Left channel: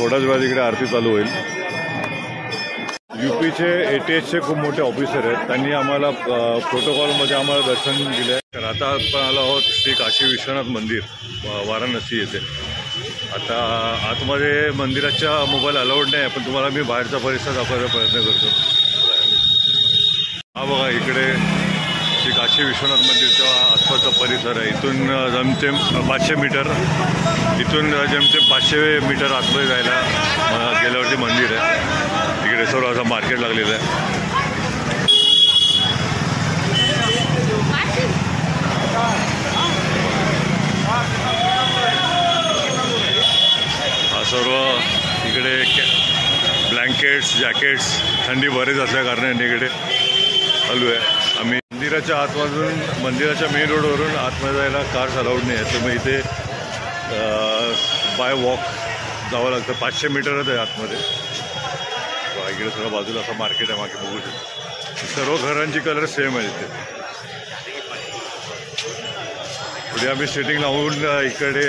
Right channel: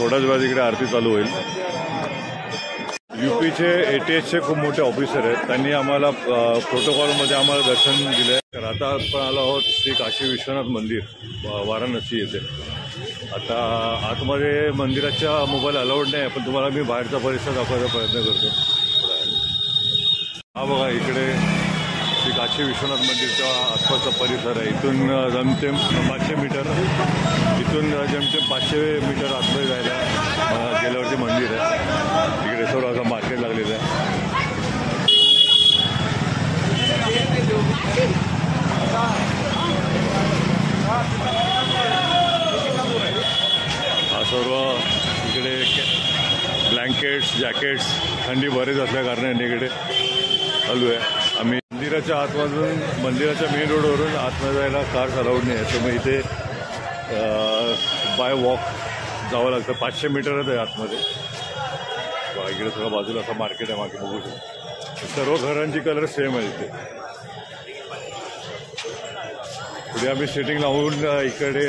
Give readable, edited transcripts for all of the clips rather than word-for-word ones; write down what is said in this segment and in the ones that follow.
थोड्याच वेळात इकडे आरती चालू होईल। यूपीचे ATSचे खूप मोठे ऑफिसर आहेत, त्यांनी आम्हाला प्रोटोकॉलमध्ये आम्हाला दर्शन दिलं आहे। तर आता आपण आलो आहोत श्री काशी विश्वनाथ मंदिर वाराणसी येथे। आता आतमध्ये मंदिराच्या मोबाईल अलाउड नाही, पण तुम्हाला मी बाहेरचा परिसर दाखवायचा प्रयत्न करतो। हा बघा, इकडे श्री काशी विश्वनाथ मंदिरच्या आसपासचा परिसर आहे। इथून जमतेम 500 मीटर, इथून जमतेम 500 मीटर आतमध्ये जायला गेल्यावरती मंदिर आहे। इकडे सर्व असं मार्केट लागलेलं आहे। हा सर्व इकडे ब्लँकेट्स, जॅकेट्स थंडी बरेच असल्या कारणाने इकडे चालू आहे। आम्ही मंदिराच्या आतमधून, मंदिराच्या मेन रोडवरून आतमध्ये जायला कार्स अलाउड नाही आहे, तर मग इथे बाय वॉक जावं लागतं। 500 मीटरच आहे आतमध्ये। इकडे सर्व बाजूला असं मार्केट आहे, मागे बघू शकतो। सर्व घरांची कलर सेम आहे इथे। पुढे आम्ही सेटिंग लावून इकडे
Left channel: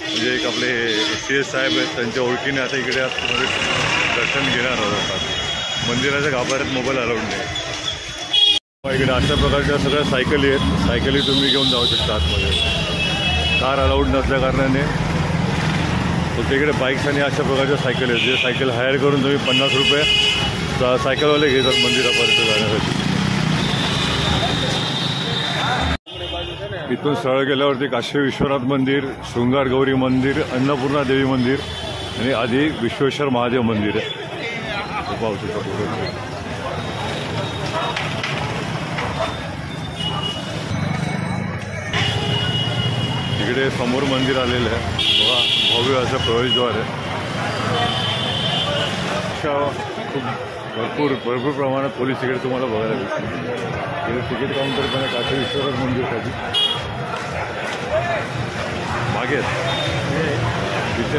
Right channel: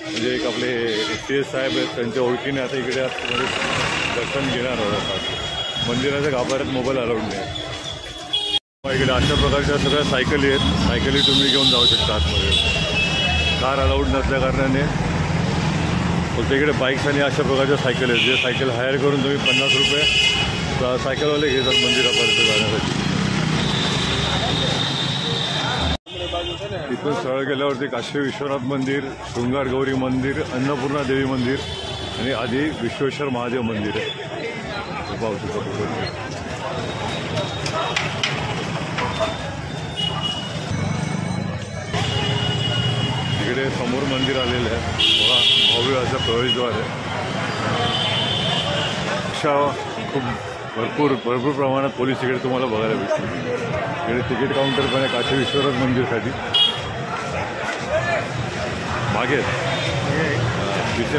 म्हणजे एक आपले ATS साहेब आहेत, त्यांच्या ओळखीने आता इकडे आतमध्ये दर्शन घेणार आहोत। मंदिराच्या गाभाऱ्यात मोबाईल अलाउड नाही। इकडे अशा प्रकारच्या सगळ्या सायकली आहेत, सायकली तुम्ही घेऊन जाऊ शकता आतमध्ये। कार अलाउड नसल्या कारणाने फक्त इकडे बाईक्स आणि अशा प्रकारच्या सायकल आहेत, जे सायकल हायर करून तुम्ही 50 रुपये सायकलवाले घेतात मंदिरापर्यंत जाण्यासाठी। इथून सरळ गेल्यावरती काशी विश्वनाथ मंदिर, शृंगार गौरी मंदिर, अन्नपूर्णा देवी मंदिर आणि आधी विश्वेश्वर महादेव मंदिर आहे। पाहू शकता पूर्ण इकडे समोर मंदिर आलेलं आहे बघा, भव्य असं प्रवेशद्वार आहे। अशा खूप भरपूर प्रमाणात पोलीस इकडे तुम्हाला बघायला भेटतील। इकडे तिकीट काउंटर पण आहे काशी विश्वनाथ मंदिरसाठी। मागे तिथे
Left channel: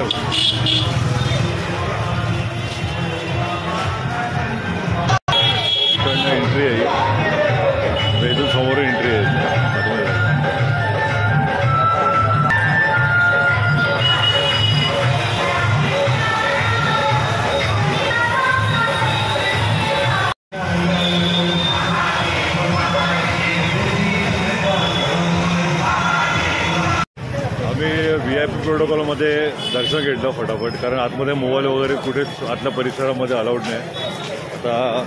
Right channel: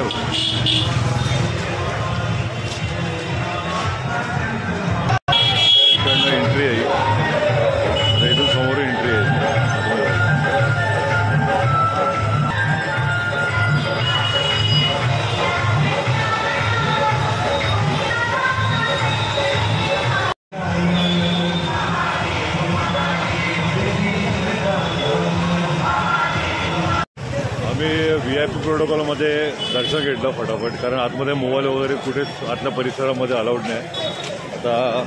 इकडनं एंट्री आहे, इथून समोर एंट्री आहे आतमध्ये। आम्ही VIP प्रोटोकॉलमध्ये दर्शन घेतलं फटाफट, कारण आतमध्ये मोबाईल वगैरे कुठेच आतल्या परिसरामध्ये अलाउड नाही। आता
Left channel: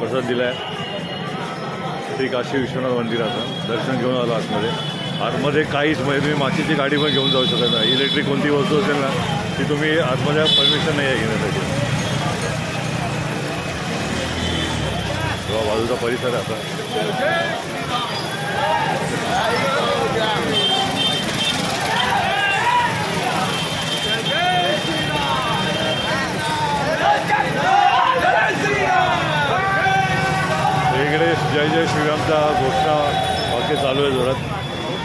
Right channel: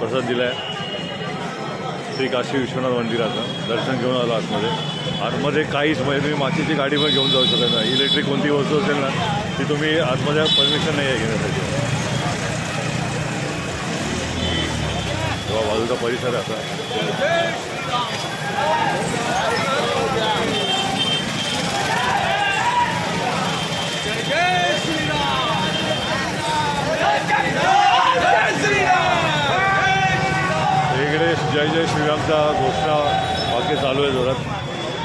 प्रसाद दिला आहे श्री काशी विश्वनाथ मंदिराचा, दर्शन घेऊन आलो आतमध्ये। आतमध्ये काहीच म्हणजे तुम्ही मातीची गाडी पण घेऊन जाऊ शकत नाही। इलेक्ट्रिक कोणती वस्तू असेल ना ती तुम्ही आतमध्ये परमिशन नाही आहे घेण्यासाठी। तेव्हा बाजूचा परिसर आहे आता। इकडे जय जय श्रीरामचा घोषणा वाक्य चालू आहे जोरात।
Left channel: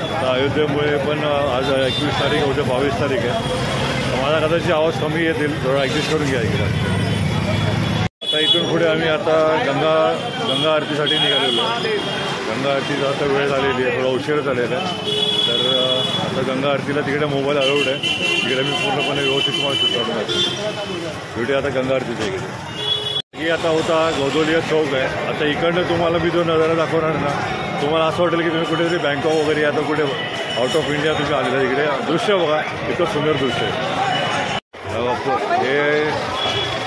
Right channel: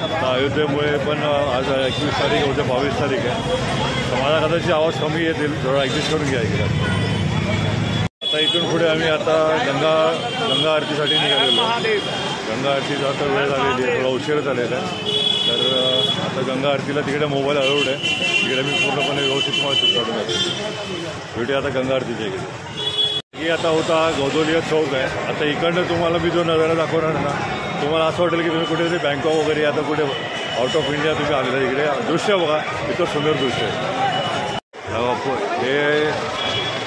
आता अयोध्येमुळे पण आज 21 तारीख, उद्या 22 तारीख आहे, तर माझा कदाचित आवाज कमी येतील, थोडा ॲडजस्ट करून घ्या इकडे। आता इथून पुढे आम्ही आता गंगा आरतीसाठी निघालेलो आहे। गंगा आरतीचा आता वेळ झालेली आहे, थोडा उशीर झालेला आहे, तर आता गंगा आरतीला तिकडे मोबाईल अलाउड आहे। तिकडे मी पूर्णपणे व्यवस्थित तुम्हाला शूट काढून दाखवेन। व्हिडिओ आता गंगा आरतीच्या इकडे ही आता होता गौदोलिया चौक आहे। आता इकडनं तुम्हाला मी जो नजारा दाखवणार ना, तुम्हाला असं वाटेल की तुम्ही कुठेतरी बँकॉक वगैरे आता कुठे आउट ऑफ इंडिया तुम्ही आलेला। इकडे दृश्य बघा, इतकं सुंदर दृश्य आहे। हे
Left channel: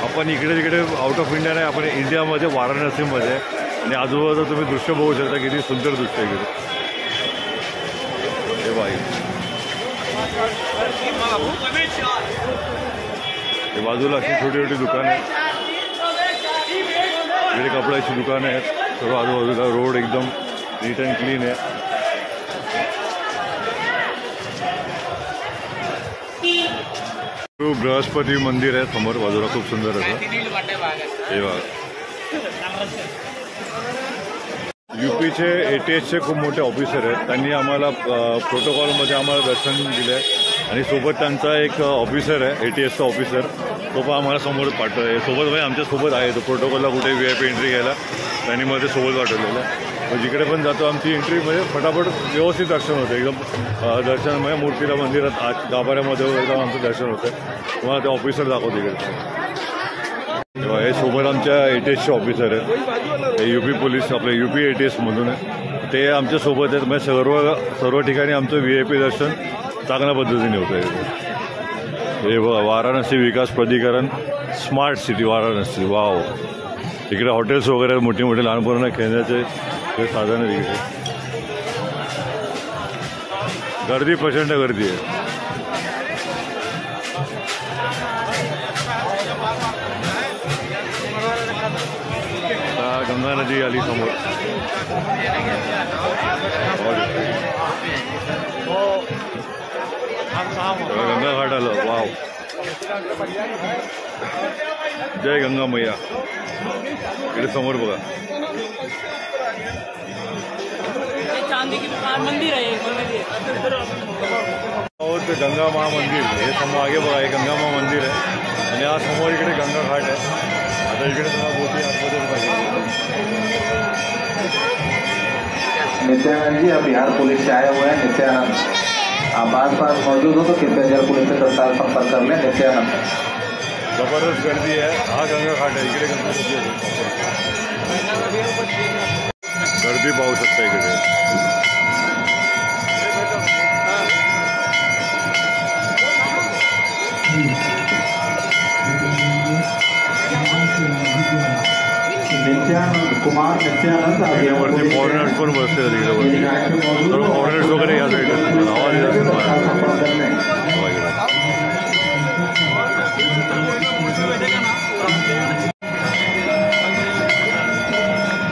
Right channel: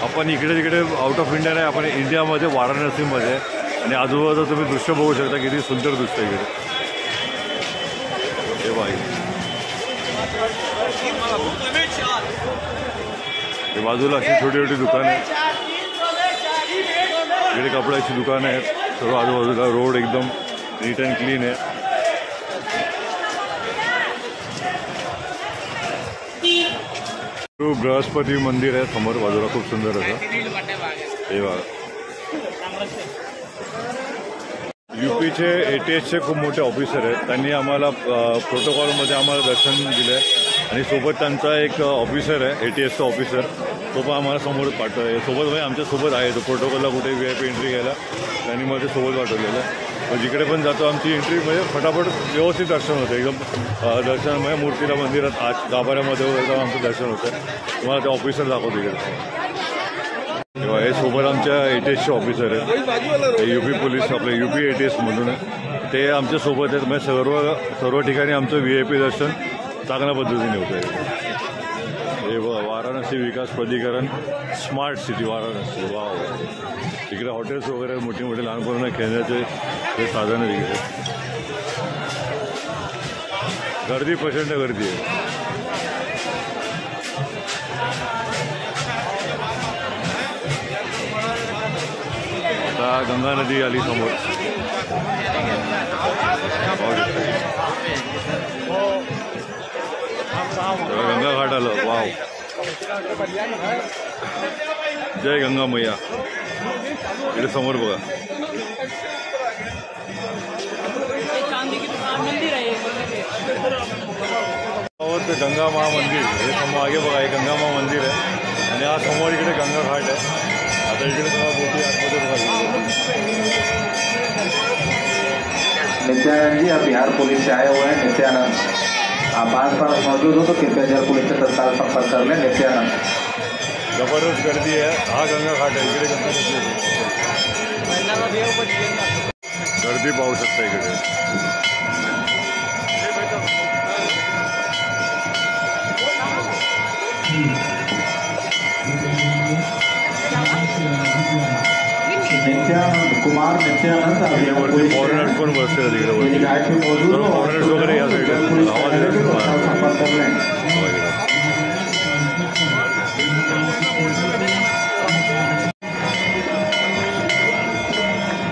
आपण इकडे तिकडे आउट ऑफ इंडिया नाही, आपण इंडियामध्ये वाराणसीमध्ये आहे आणि आजूबाजूला तुम्ही दृश्य बघू शकता, किती सुंदर दृश्य आहे इकडे। हे बाई, हे बाजूला अशी छोटी छोटी दुकानं आहेत, इकडे कपड्याची दुकानं आहेत, सर्व आजूबाजूला रोड एकदम नीट अँड क्लीन आहे। बृहस्पती मंदिर आहे समोर बाजूला, खूप सुंदर असं। हे बघा, यूपीचे ATSचे खूप मोठे ऑफिसर आहेत, त्यांनी आम्हाला प्रोटोकॉलमध्ये आम्हाला दर्शन दिलं आहे। आणि सोबत त्यांचा एक ऑफिसर आहे ATSचा ऑफिसर, तो पण आम्हाला समोर पाठवतो आहे। सोबत म्हणजे आमच्यासोबत आहे तो, प्रोटोकॉलला कुठे VIP एंट्री घ्यायला त्यांनी मध्ये सोबत पाठवलेलं आहे। मग जिकडे पण जातो आमची एंट्री म्हणजे फटाफट व्यवस्थित दर्शन होतं एकदम. दर्शन म्हणजे मूर्तीला मंदिरात आत गाभाऱ्यामध्ये वगैरे जाऊन आमचं दर्शन होतं. तुम्हाला ते ऑफिसर दाखवतो इकडे. तेव्हा हे सोबत आमच्या ATSचे ऑफिसर आहेत, हे UP पोलीस आपले UP ATSमधून आहे. ते आमच्या सोबत आहेत. म्हणजे सर्व ठिकाणी आमचं VIP दर्शन चांगल्या पद्धतीने होतं आहे. हे बघा वाराणसी विकास प्राधिकरण स्मार्ट सिटी वाराणसी. वाव. इकडे हॉटेल्स वगैरे मोठी मोठी लहान मुलांना खेळण्याचे ते साधन आहे. तिकडे गर्दी प्रचंड गर्दी आहे. आता गंगा नदी आली समोर. गंगा घाट आलं. वाव. जय गंगा मैया. इकडे समोर बघा. ते गंगा महामंदिर हे समोर आगे बघा. हे गंगा महामंदिर आहे आणि हा समोर इकडे गंगा घाट आहे. आता इकडे तुम्हाला बोटी आतमध्ये बघा. नित्यानंद जी, आप बिहार पुलिस से आए हुए हैं. नित्यानंद, आप आस-पास मौजूद हो तो कृपया जल पुलिस से तत्काल संपर्क कर लें. नित्यानंद. जबरदस्त गर्दी आहे. हा गंगा घाट आहे. इकडे गंगा नदी आहे. गर्दी पाहू शकता इकडे. इकडे वरती फॉरेनर्स पण बसले तिकडे वरती. सर्व फॉरेनर्स वगैरे या साईडला तुम्हाला आवाज येत असेल मला इकडे.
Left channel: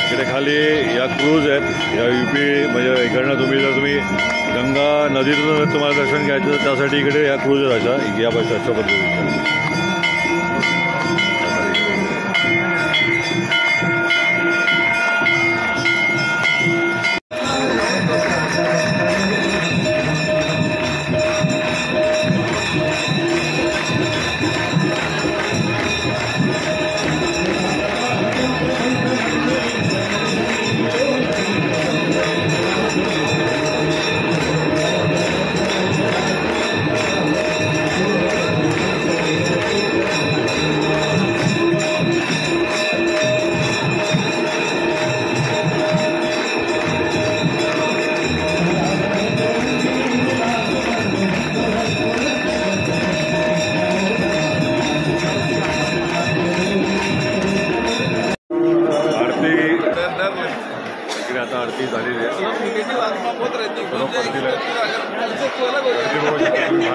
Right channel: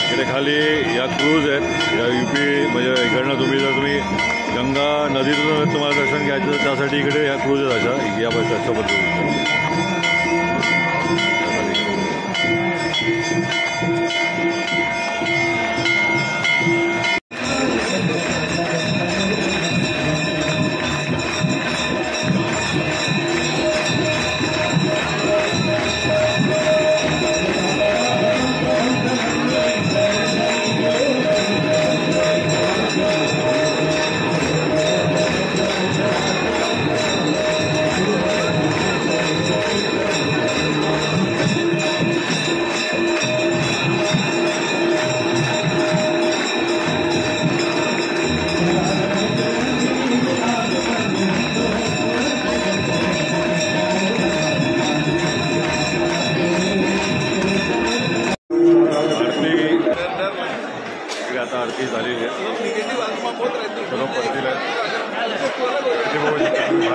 इकडे खाली या क्रूज आहेत. या UP म्हणजे इकडनं तुम्ही जर तुम्ही गंगा नदीतून तुम्हाला दर्शन घ्यायचं तर त्यासाठी इकडे या क्रूज आहेत. अशा या बस अशा पद्धतीच्या. आता आरती झालेली आहे. सर्व परतील आहे. गर्दी बघू शकता तुम्ही.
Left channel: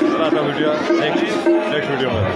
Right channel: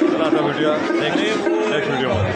चला आता भेटूया नेक्स्ट व्हिडिओमध्ये.